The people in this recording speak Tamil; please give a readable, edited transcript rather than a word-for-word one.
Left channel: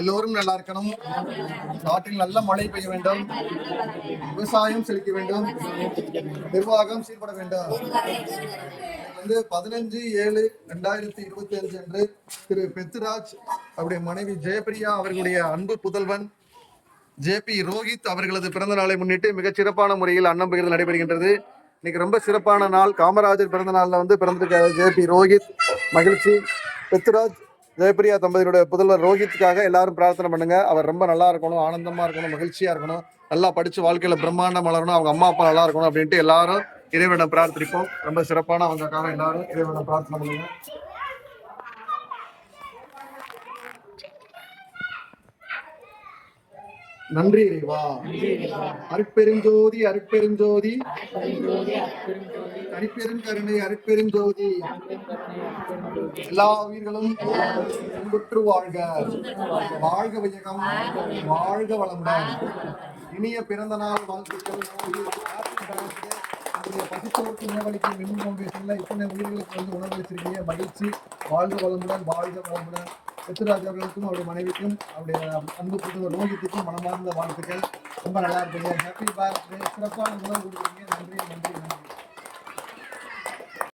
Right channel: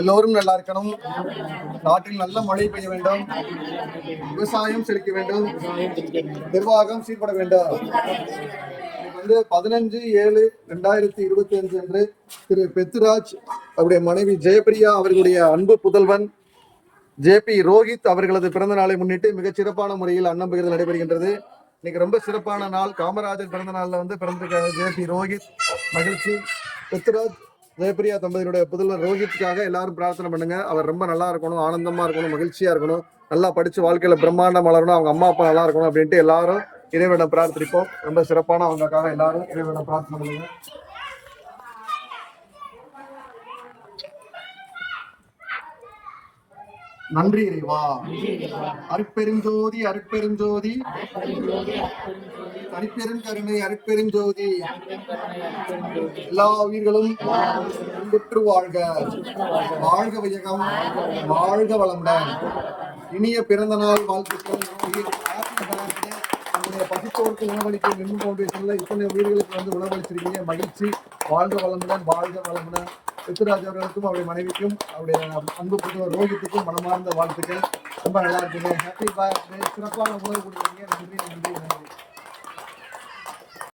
எல்லோரும் நல்லா இருக்கணும். நாட்டில் நல்ல மழை பெய்ய வேண்டும். விவசாயம் செழிக்க வேண்டும். நிர்வாகம் சீர்பட வேண்டும். 15/7/2025 அன்று திரு பெத்துராஜ் அவருடைய மனைவி ஜெயபிரியா அவர்களுடைய அன்பு புதல்வன் JP ரோஹித் அவர்களது பிறந்த நாளை முன்னிட்டு மிகச் சிறப்பான முறையில் அன்னம் பகிர்தல் நடைபெறுகின்றது. இன்னைக்கு ரொம்ப சிறப்பான நாள். காமராஜர் பிறந்த நாளில் பிறந்திருக்க JP ரோஹித் மகிழ்ச்சி. பெத்துராஜ் ஜெயபிரியா தம்பதியுடைய புதல்வர் ரோஹித்துக்காக எல்லாரும் பிரார்த்தனை பண்ணுங்க. அவர் ரொம்ப நல்லா இருக்கணும், ஆனந்தமா இருக்கணும், மகிழ்ச்சியா இருக்கணும், நல்லா படிச்சு வாழ்க்கையில பிரம்மாண்டம் வளரணும், அவங்க அம்மா அப்பா நல்லா இருக்கணும் அப்படின்ட்டு எல்லாரும் இறைவனிடம் பிரார்த்திப்போம். ரொம்ப சிறப்பான அவங்களுக்காக எல்லாரும் இறைவனிடம் பிரார்த்தனை பண்ணுங்க. நன்றி இறைவா. அருட்பெருஞ்சோதி அருட்பெருஞ்சோதி அருட்பெருங்கருணை அருட்பெருஞ்சோதி எல்லா உயிர்களும் பெற்று வாழ்க. வாழ்க வையகம், வாழ்க வளமுடன். இனிய பிறந்த நாள் வாழ்த்துக்கள். பசித்தோருக்கு உணவளிக்கும் மின் ஃபவுண்டேஷன்ல இத்தனை உயிர்களுக்கு உணவளிச்சிருக்கீங்க. மகிழ்ச்சி. வாழ்க வளமுடன், வாழ்க வளமுடன். பெத்துராஜ் அவர்களுக்கும் அவருடைய மனைவிக்கும் அவருடைய அன்பு புதல்வர் ரோஹித்துக்கும் மனமார்ந்த வாழ்த்துக்கள். ரொம்ப நல்லா இருக்கீங்க. Happy birthday. சிறப்பான உணவு கொடுக்குறீங்க. நன்றி நன்றி நன்றி.